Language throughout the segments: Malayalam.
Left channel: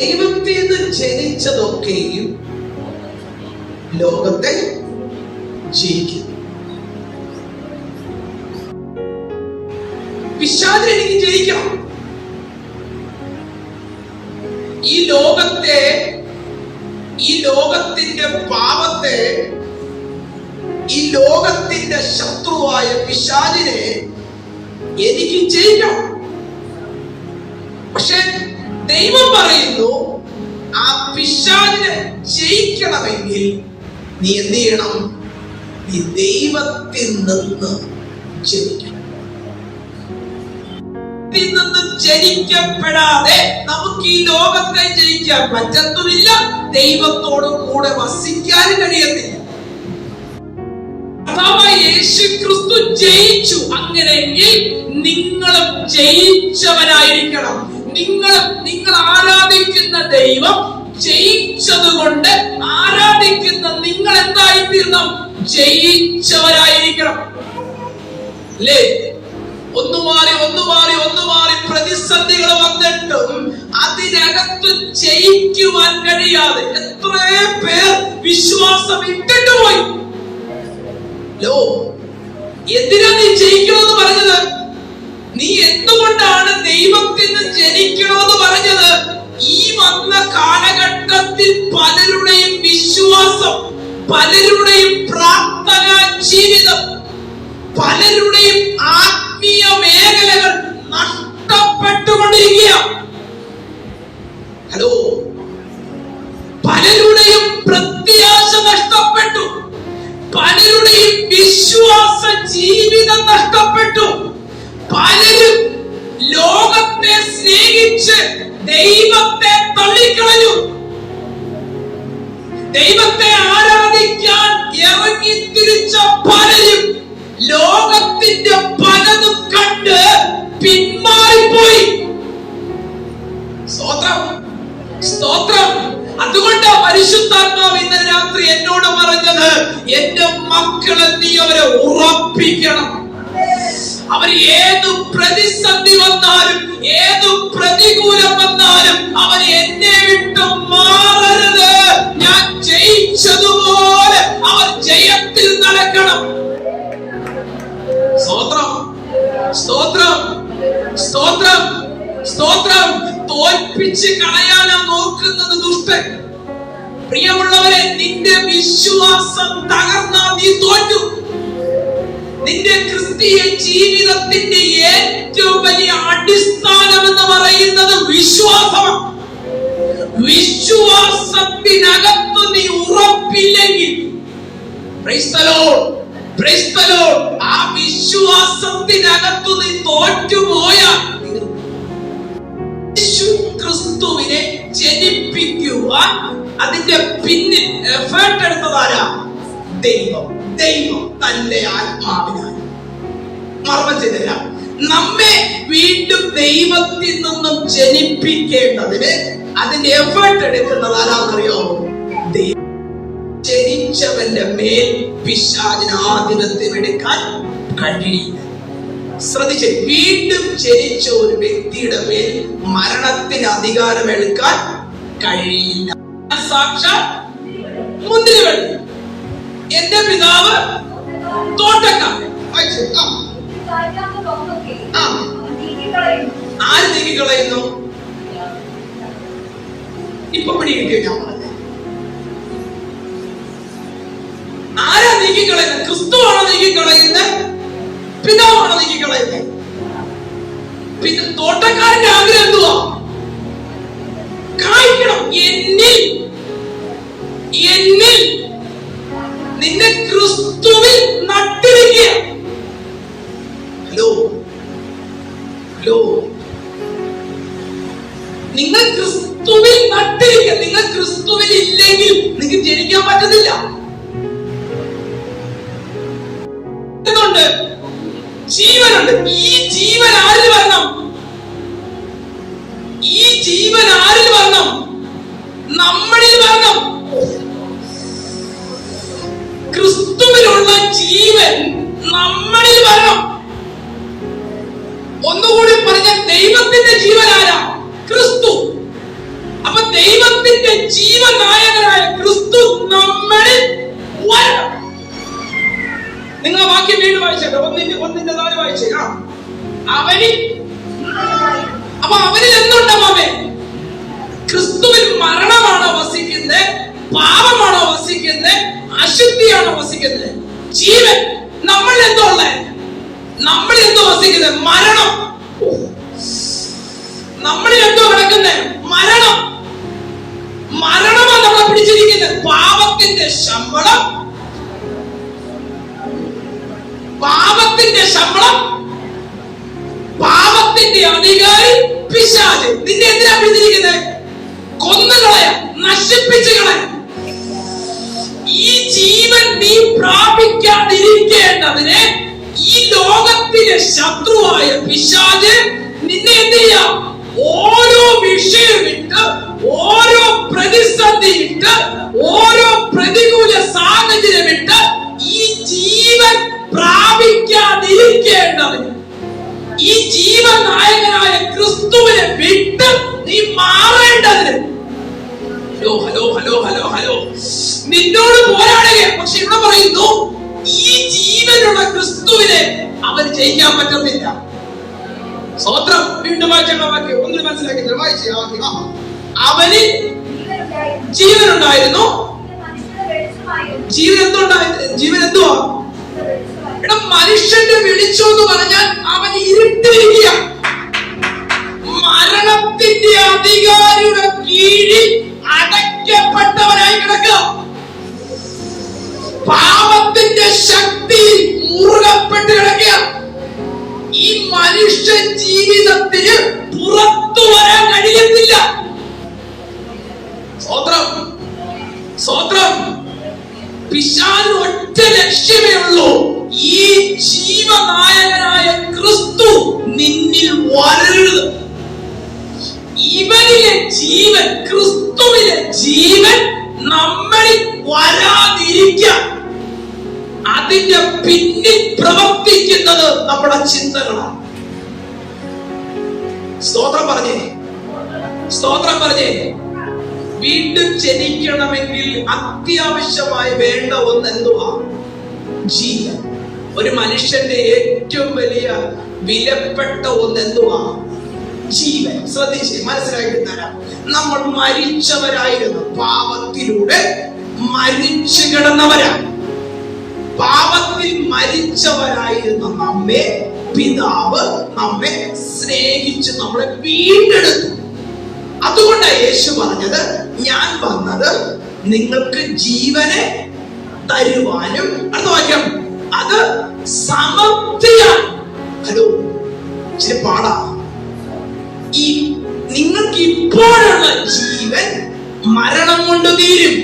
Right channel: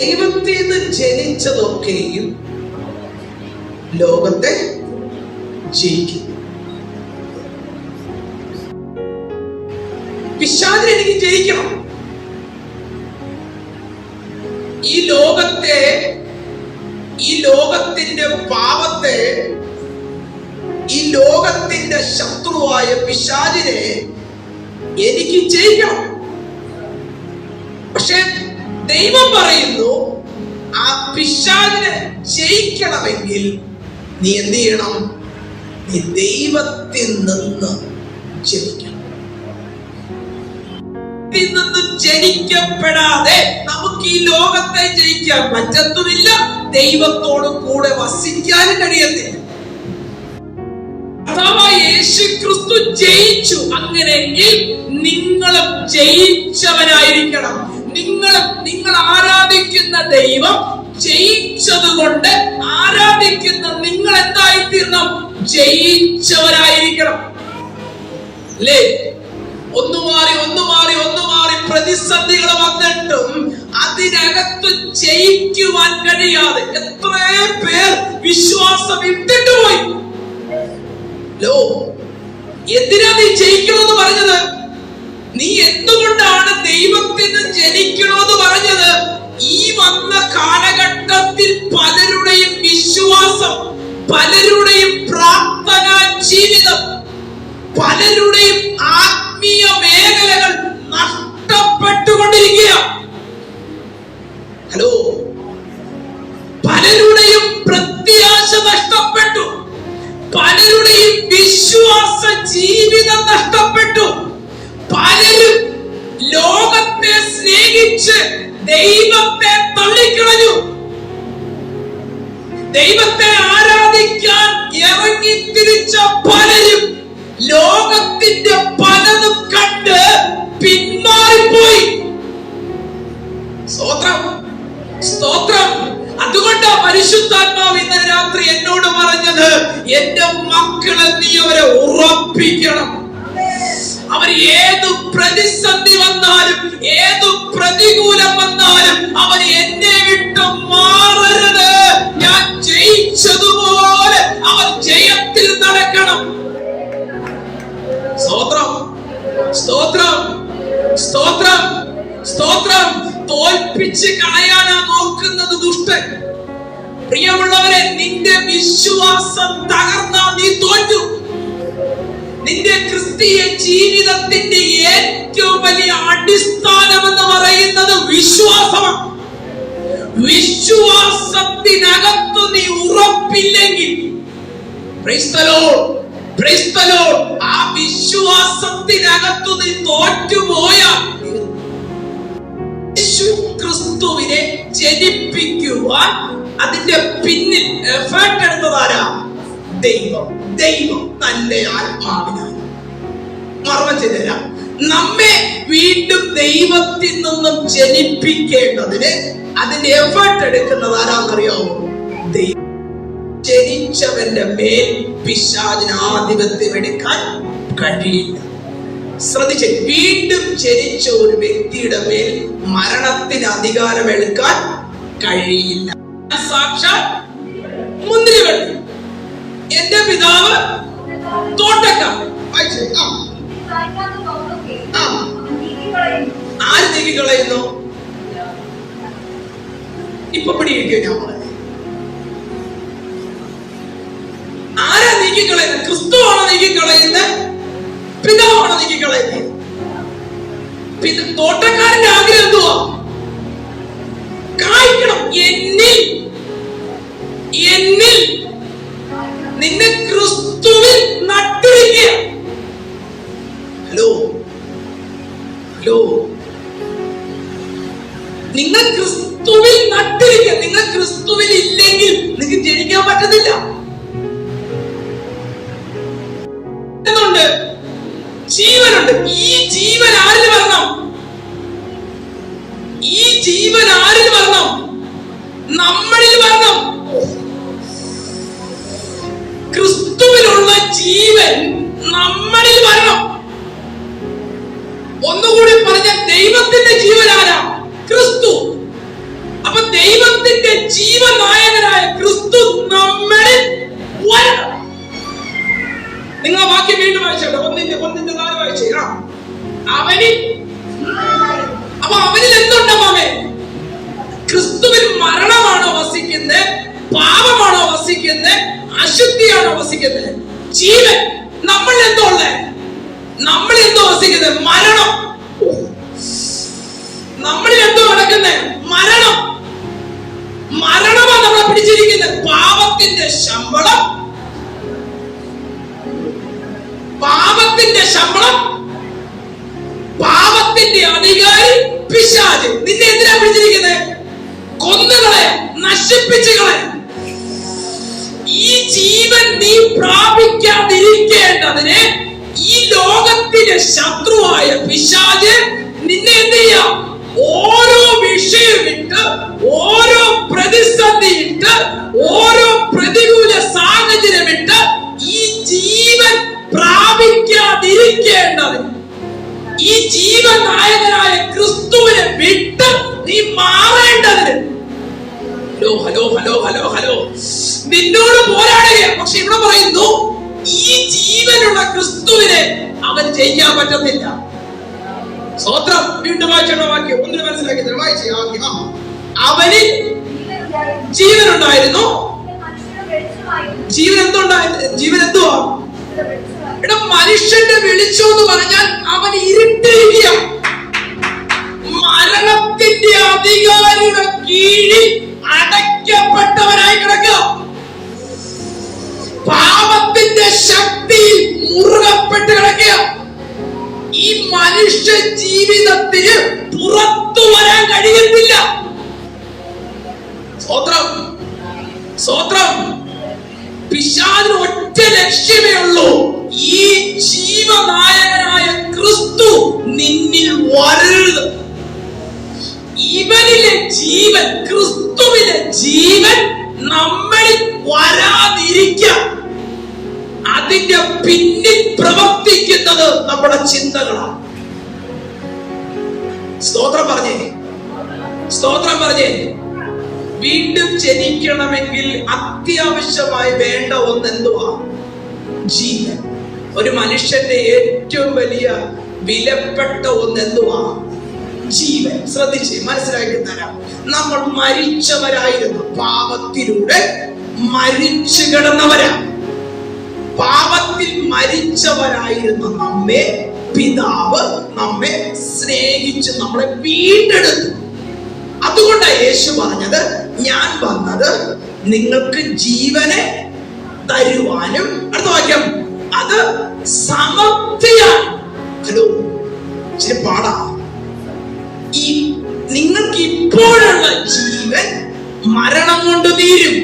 നിന്ന് ജനിച്ചതൊക്കെയും ലോകത്തെ ജയിക്കും പിശാചിനെ എനിക്ക് ജയിക്കണം. ഈ ലോകത്തെ ഈ ലോകത്തിന്റെ പാപത്തെ ഈ ലോകത്തിന്റെ ശത്രുവായ പിശാചിനെ എനിക്ക് ജയിക്കണം. പക്ഷെ ദൈവം പറയുന്നു ആ പിശാചിനെ ജയിക്കണമെങ്കിൽ നീ എന്ത് ചെയ്യണം? നീ ദൈവത്തിൽ നിന്ന് ജനിക്കണം. ജനിക്കപ്പെടാതെ നമുക്ക് ഈ ലോകത്തെ ജയിക്കാൻ പറ്റത്തുമില്ല. ദൈവത്തോട് കൂടെ വസിക്കാനും കഴിയത്തില്ല. യേശു ക്രിസ്തു ജയിച്ചു. അങ്ങനെയെങ്കിൽ നിങ്ങളും ജയിച്ചവരായിരിക്കണം നിങ്ങൾ നിങ്ങൾ ആരാധിക്കുന്ന ദൈവം ജയിച്ചതുകൊണ്ട് ആരാധിക്കുന്ന നിങ്ങൾ എന്തായിത്തീരണം? ജയിച്ചവരായിരിക്കണം. അല്ലേ ഒന്ന് മാറി ഒന്ന് മാറി ഒന്ന് മാറി പ്രതിസന്ധികൾ വന്നിട്ടും അതിനകത്ത് ജയിക്കുവാൻ കഴിയാതെ എത്ര പേർ വിശ്വാസം ഇട്ടിട്ട് പോയി. ലോ എന്തിനാ നീ ജയിക്കണമെന്ന് പറഞ്ഞത്? നീ എന്തുകൊണ്ടാണ് ദൈവത്തിന് ജനിക്കണമെന്ന് പറഞ്ഞത്? ഈ വന്ന കാലഘട്ടത്തിൽ പലരുടെയും വിശ്വാസം പലരുടെയും പ്രാർത്ഥന ജീവിതം പലരുടെയും ആത്മീയ മേഖലകൾ നഷ്ടപ്പെട്ടുകൊണ്ടിരിക്കുക. ഹലോ? പലരുടെയും പ്രത്യാശ നഷ്ടപ്പെട്ടു. പലരുടെയും വിശ്വാസ ജീവിതം നഷ്ടപ്പെട്ടു. ലോകത്തെ സ്നേഹിച്ച് ദൈവത്തെ തള്ളിക്കളഞ്ഞു. ദൈവത്തെ ആരാധിക്കാൻ ഇറങ്ങി തിരിച്ച പലരും ലോകത്തിന്റെ പലതും കണ്ട് പിന്മാറിപ്പോയി. സ്തോത്രം സ്തോത്രം. അതുകൊണ്ടാ പരിശുദ്ധാത്മാവ് ഇന്നലെ രാത്രി എന്നോട് പറഞ്ഞത് എന്റെ മക്കളെ നീ അവരെ ഉറപ്പിക്കണം. അവർ ഏത് പ്രതിസന്ധി വന്നാലും ഏത് പ്രതികൂലം വന്നാലും അവൻ എന്നെ വിട്ടു മാറരുത്. ഞാൻ ജയിച്ചതുപോലെ അവൻ ജയത്തിൽ നടക്കണം. സ്തോത്രം സ്തോത്രം സ്തോത്രം സ്തോത്രം. തോൽപ്പിച്ച് കളയാനാ നോക്കുന്നത് ദുഷ്ടൻ. പ്രിയമുള്ളവരെ നിന്റെ വിശ്വാസം തകർന്നാ നീ തോറ്റു. നിന്റെ ക്രിസ്തീയ ജീവിതത്തിന്റെ ഏറ്റവും വലിയ അടിസ്ഥാനം എന്ന് പറയുന്നത് വിശ്വാസമാണ്. വിശ്വാസത്തിനകത്ത് നീ ഉറപ്പില്ലെങ്കിൽ. ആ വിശ്വാസത്തിനകത്ത് നീ തോറ്റുപോയാൽ യേശു ക്രിസ്തുവിനെ ജനിപ്പിക്കുക അതിന്റെ പിന്നിൽ എഫേർട്ട് എടുത്തതാരാ ദൈവം. ദൈവം തന്റെ മറന്നു ചെയ്തുതരാം നമ്മെ വീണ്ടും ദൈവത്തിൽ നിന്നും ജനിപ്പിക്കേണ്ടതിന് അതിന്റെ എഫേർട്ട് എടുക്കുന്നത് ആരാന്നറിയോ ദൈവം. ജനിച്ചവന്റെ മേൽ പിശാചിന് ആധിപത്യം എടുക്കാൻ കഴിയില്ല. ശ്രദ്ധിച്ച് വീണ്ടും ജനിച്ച ഒരു വ്യക്തിയുടെ മേൽ മരണത്തിന് അധികാരം എടുക്കാൻ കഴിയില്ല. സാക്ഷാൽ മുന്തിരികൾ എന്റെ പിതാവ് തോട്ടക്കാർ. ആര് നീക്കിക്കളയുന്നു ഇപ്പൊ പിടികിട്ടിയ ആരാ നീക്കിക്കളയുന്നത്? ക്രിസ്തുവാണോ നീക്കിക്കളയുന്നത്? പിതാവാണോ നീക്കിക്കളയുന്നത്? പിന്നെ തോട്ടക്കാരന്റെ ആഗ്രഹം എന്തുവാ? കായ്ക്കണം. എന്നിൽ ജീവനുണ്ട്. ഈ ജീവൻ ആരിൽ വരണം ഈ ജീവൻ ആരിൽ വരണം നമ്മളിൽ വരണം ക്രിസ്തുവിലുള്ള ജീവൻ നമ്മളിൽ വരണം ഒന്നുകൂടി പറഞ്ഞ ദൈവത്തിന്റെ ജീവൻ ആരാ? ക്രിസ്തു. അപ്പൊ ജീവനായകനായ ക്രിസ്തു നമ്മളിൽ വരണം. നിങ്ങൾ വാക്യം വീണ്ടും വായിച്ചോട്ടെ ഒന്നിന്റെ ഒന്നിന്റെ നാല് വായിച്ചേ. ആ. അവനിൽ അപ്പൊ അവനിൽ എന്തുണ്ടാവാമേ ക്രിസ്തുവിൽ മരണമാണോ വസിക്കുന്നത്? പാപമാണോ വസിക്കുന്നത്? അശുദ്ധിയാണോ വസിക്കുന്നത്? ജീവൻ. നമ്മൾ എന്തോ ഉള്ളേ? നമ്മൾ എന്തോ വസിക്കുന്നത്? മരണം. നമ്മൾ എന്തോ നടക്കുന്നത് മരണം. മരണമാണ് നമ്മളെ പിടിച്ചിരിക്കുന്നത്. പാപത്തിന്റെ ശമ്പളം പാപത്തിന്റെ ശമ്പളം പാപത്തിന്റെ അധികാരി പിശാച് നിന്നെ എന്തിനാ പിടിച്ചിരിക്കുന്നത് കൊന്നുകളെ നശിപ്പിച്ചുകളെ ഈ ജീവൻ നീ പ്രാപിക്കാതിരിക്കേണ്ടതിന് ഈ ലോകത്തിലെ ശത്രുവായ പിശാച് നിന്നെ എന്ത് ചെയ്യാം? ഓരോ വിഷയം ഇട്ട് ഓരോ പ്രതിസന്ധി ഇട്ട് ഓരോ പ്രതികൂല സാഹചര്യമിട്ട് ഈ ജീവൻ പ്രാപിക്കാതിരിക്കേണ്ടതിന് ഈ ജീവനായകനായ ക്രിസ്തുവിനെ വിട്ട് നീ മാറേണ്ടതിന്. Hello hello hello hello hello. നിന്നോട് പോരാടുകയാണ്. പക്ഷെ ഇവിടെ പറയുന്നു ഈ ജീവനുള്ള ക്രിസ്തുവിനെ അവൻ ജയിക്കാൻ പറ്റത്തില്ല സ്വത്രം വീണ്ടും വായിച്ചോളാം വാക്യം. ഒന്നിന് മനസ്സിലാക്കി തരാം. അവന് ജീവനുണ്ടായിരുന്നു. ജീവൻ എന്തുണ്ടായിരുന്നു ജീവൻ എന്തുവാ ഇവിടെ മനുഷ്യന്റെ വിളിച്ചു എന്ന് പറഞ്ഞാൽ അവൻ ഇരുട്ടിരിക്കുക. മരണത്തിന്റെ അധികാരിയുടെ കീഴിൽ അടയ്ക്കപ്പെട്ടവനായി കിടക്കുക. പാപത്തിന്റെ ശക്തിയിൽ മുറുകപ്പെട്ട് കിടക്കുക. ഈ മനുഷ്യ ജീവിതത്തിന് പുറത്തു അതിന്റെ പിന്നിൽ പ്രവർത്തിക്കുന്നത് നമ്മുടെ ചിന്തകളാണ്. സ്തോത്രം പറഞ്ഞേ. സ്തോത്രം പറഞ്ഞേ. വീണ്ടും ജനിക്കണമെങ്കിൽ അത്യാവശ്യമായി വേണ്ട ഒന്ന് എന്തുവാ ജീവൻ. ഒരു മനുഷ്യന്റെ ഏറ്റവും വലിയ വിലപ്പെട്ട ഒന്ന് എന്തുവാ ജീവൻ. ശ്രദ്ധിച്ച് മനസ്സിലാക്കി തരാം. നമ്മൾ മരിച്ചവരായിരുന്നു. പാപത്തിലൂടെ മരിച്ചു കിടന്നവരാ പാപത്തിൽ മരിച്ചവരായിരുന്ന നമ്മെ പിതാവ് നമ്മെ സ്നേഹിച്ച് നമ്മളെ വീണ്ടെടുത്തു. അതുകൊണ്ടാണ് യേശു പറഞ്ഞത് ഞാൻ വന്നത് നിങ്ങൾക്ക് ജീവനെ തരുവാനും അടുത്ത വാക്യം അത് സമൃദ്ധിയാണ്. ഹലോ ഇച്ചിരി പാടാ. ഈ നിങ്ങൾക്ക് ഇപ്പോഴുള്ള ജീവൻ മരണം കൊണ്ട് തീരും.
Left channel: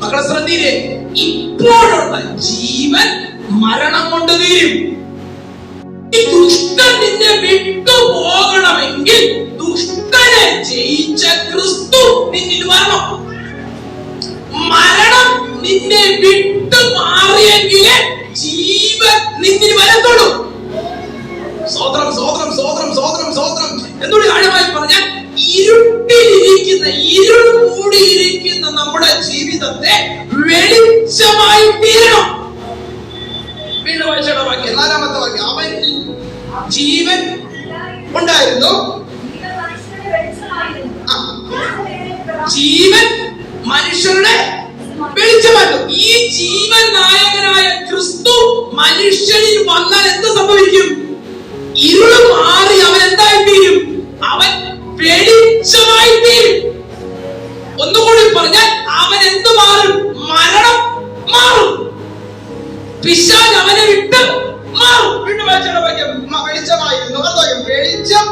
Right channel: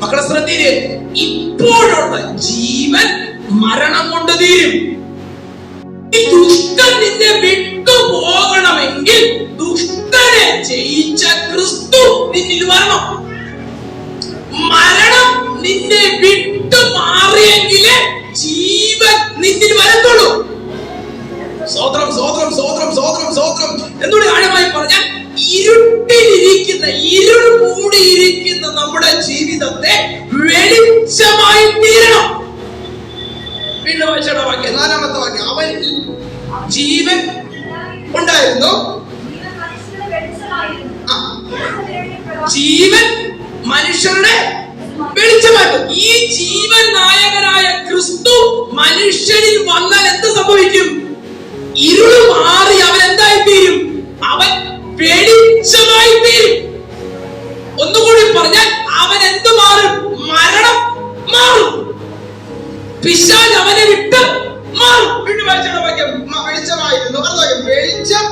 മക്കളെ ശ്രദ്ധയിൽ ഇപ്പോഴുള്ള ജീവൻ മരണം കൊണ്ട് തീരും. ഈ ദുഷ്ടൻ നിന്നെ വിട്ടു പോകണമെങ്കിൽ ദുഷ്ടനെ ജയിച്ച ക്രിസ്തു നിന്നിൽ വരണം. മരണം നിന്നെ വിട്ടു മാറിയെങ്കിലേ ജീവൻ നിന്നിൽ വരത്തുള്ളൂ. സ്വോത്രം സ്വോത്രം സ്വോത്രം സ്വോത്രം സ്വോത്രം എന്നോട് ആഴമായി പറഞ്ഞാൽ ഇരുട്ടിലിരിക്കുന്ന ഇരുൾ മൂടിയിരിക്കുന്ന നമ്മുടെ ജീവിതത്തെ വെളിച്ചമായി തീരണം. വീണ്ടും വായിച്ചോടെ വാക്യം. നാലാമത്തെ വാക്യം. അവനിൽ ജീവൻ ഉണ്ടായിരുന്നു. ജീവൻ മനുഷ്യരുടെ വെളിച്ചമായിരുന്നു. ഈ ജീവൻ നായകനായ ക്രിസ്തു മനുഷ്യനിൽ വന്നാൽ എന്ത് സംഭവിക്കും? ഇരുൾ മാറി ഒന്നുകൂടി പറഞ്ഞാൽ അവൻ എന്ത് മാറും? മരണം മാറും. പിശാജ് അവനെ വിട്ട് മാറും. വീണ്ടും വായിച്ചോട്ടെ വാക്യം വെളിച്ചമായിരുന്നു. വെളിച്ചം.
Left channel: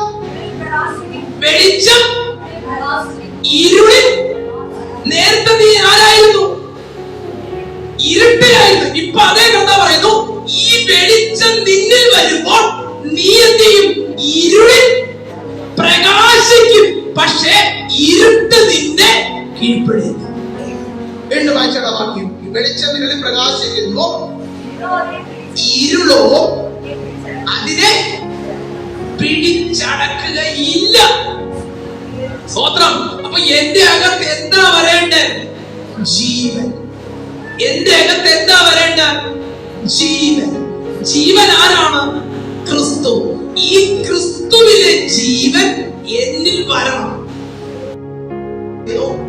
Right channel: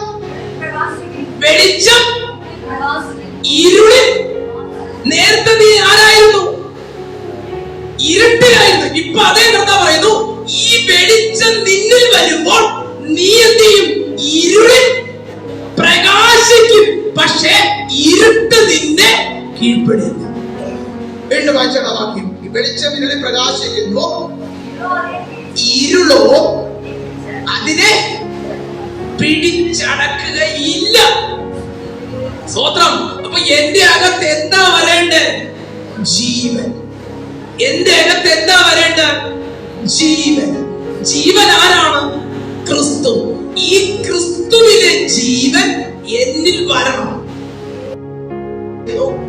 വെളിച്ചം. ഇരുളിൽ. നേരത്തെ നീ ആരായിരുന്നു? ഇരുട്ടിലായിരുന്നു. ഇപ്പൊ അതേ കഥ പറയുന്നു. ഈ വെളിച്ചം നിന്നിൽ വരുമ്പോൾ നീ എന്ത് ചെയ്യും? ഇരുളിൽ പ്രകാശിക്കും. പക്ഷേ ഇരുട്ട് നിന്നെ കീഴ്പ്പെടുന്നു വീണ്ടും വായിച്ചോട്ടെ വാക്യം. വെളിച്ചങ്ങളിൽ പ്രകാശിക്കുന്നു. ഇരുളോ അതിനെ പിടിച്ചടക്കുകയില്ല. സ്വത്രം അപ്പൊ എന്റെ അകത്ത് എന്താ വരേണ്ടത്? ജീവൻ. എന്റെ അകത്ത് എന്താ വരേണ്ട ജീവൻ. ജീവൻ ആരാണ്? ക്രിസ്തു. ഈ ക്രിസ്തുവിലെ ജീവൻ എന്നിൽ വരണം.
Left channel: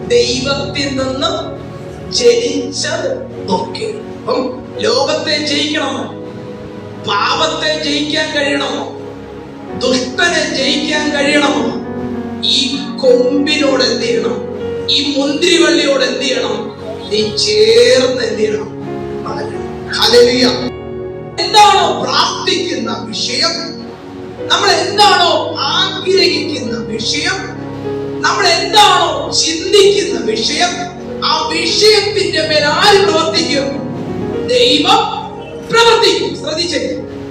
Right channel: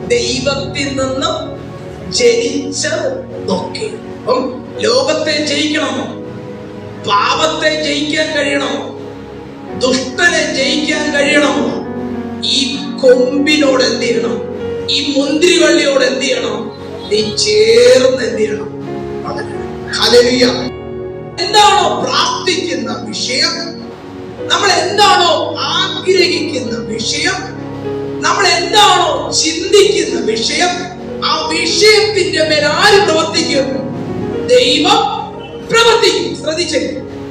ദൈവത്തിൽ നിന്ന് ജനിച്ചതൊക്കെ അപ്പം ലോകത്തെ ജയിക്കണമോ? പാപത്തെ ജയിക്കാൻ കഴിയണമോ? ദുഷ്ടനെ ജയിക്കാൻ കഴിയണമോ? ഈ കൊമ്പിനോട് എന്ത് ചെയ്യണം? ഈ മുന്തിരിവള്ളിയോട് എന്ത് ചെയ്യണം? നീ ചേർന്ന് എന്ത് ചെയ്യണം. എന്താണോ പ്രാർത്ഥിക്കുന്ന വിഷയം? നമ്മൾ എന്താണോ ആഗ്രഹിക്കുന്ന വിഷയം? നമ്മൾ എന്താണോ ചിന്തിക്കുന്ന വിഷയം ആ വിഷയത്തിന്റെ മേൽ ആര് പ്രവർത്തിക്കും? ദൈവം പ്രവർത്തിക്കും. ശ്രദ്ധിച്ചേ.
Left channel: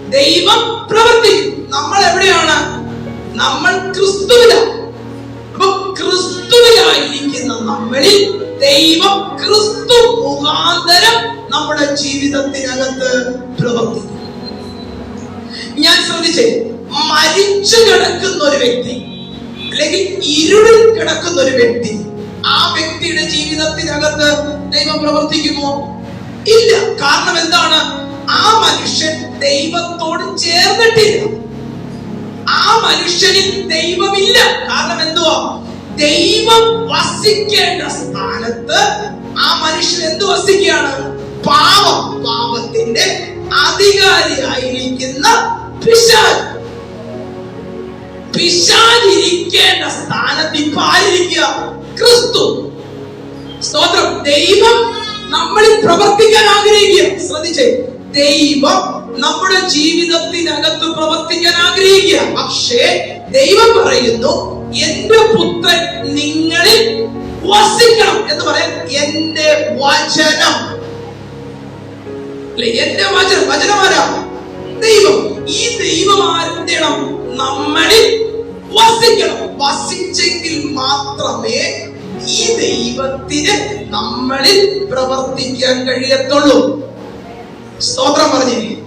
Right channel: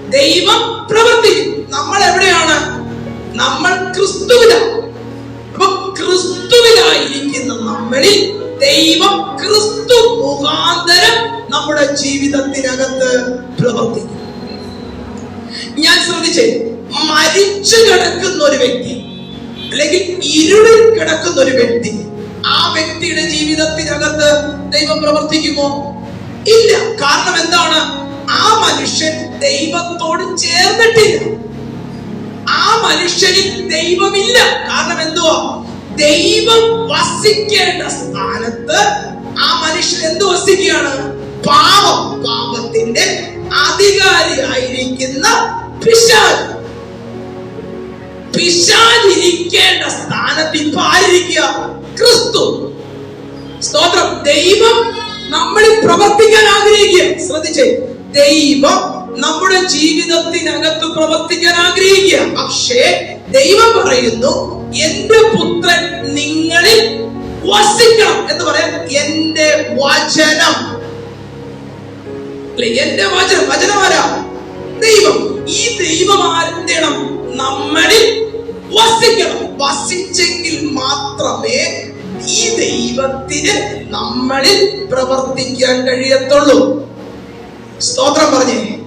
ദൈവം പ്രവർത്തിക്കും. നമ്മൾ എവിടെയാണ്? നമ്മൾ ക്രിസ്തുവിലായിരിക്കുന്ന നമ്മളിൽ ദൈവം ക്രിസ്തു മുഖാന്തരം നമ്മുടെ ജീവിതത്തിനകത്ത് പ്രവർത്തിക്കും. ഞാൻ ശ്രദ്ധിച്ചേ. മരിച്ചു കിടക്കുന്ന ഒരു വ്യക്തി അല്ലെങ്കിൽ ഇരുളിൽ കിടക്കുന്ന ഒരു വ്യക്തി ആ വ്യക്തിയുടെ ജീവിതത്തിനകത്ത് ദൈവം പ്രവർത്തിക്കുമോ? ഇല്ല. കാരണം എന്താണ്? ആ മനുഷ്യൻ ദൈവത്തോട് ചേർന്നിട്ടില്ല. ആ മനുഷ്യനിൽ ദൈവമില്ല. കാരണം എന്തുവാ? ദൈവം വസിക്കേണ്ട സ്ഥാനത്ത് ആ മനുഷ്യൻ എന്ത് വസിക്കുകയാണ്? പാപം പാപത്തിന്റെ അധികാരിയായിരിക്കുന്ന പിശാച്. പിശാചിരിക്കേണ്ട സ്ഥാനത്ത് ഇപ്പൊ ആരിരിക്കുക ക്രിസ്തു. സ്തോത്രം. ദൈവം നമ്മളിൽ പ്രവർത്തിക്കാൻ ആഗ്രഹിക്കുക. ശ്രദ്ധിച്ചേ. ദൈവം നമ്മുടെ ജീവിതത്തിനകത്ത് പ്രവർത്തിക്കാൻ ആഗ്രഹിക്കുക. പക്ഷേ ദൈവം പറയുന്നു എന്റെ പുത്രൻ നിങ്ങളിൽ വസിക്കണം എന്ന് പറയാൻ എന്റെ വചനം. എന്റെ വചനം. വചനമാരാ ദൈവം. ഈ ദൈവം ആരെന്തണം നമ്മളിൽ വസിക്കണം. വസിച്ചെങ്കിൽ മാത്രമേ ഈ ദൈവത്തിന് നമ്മളിൽ പ്രവർത്തിക്കാൻ കഴിയത്തുള്ളൂ. സ്തോത്രം പറഞ്ഞേ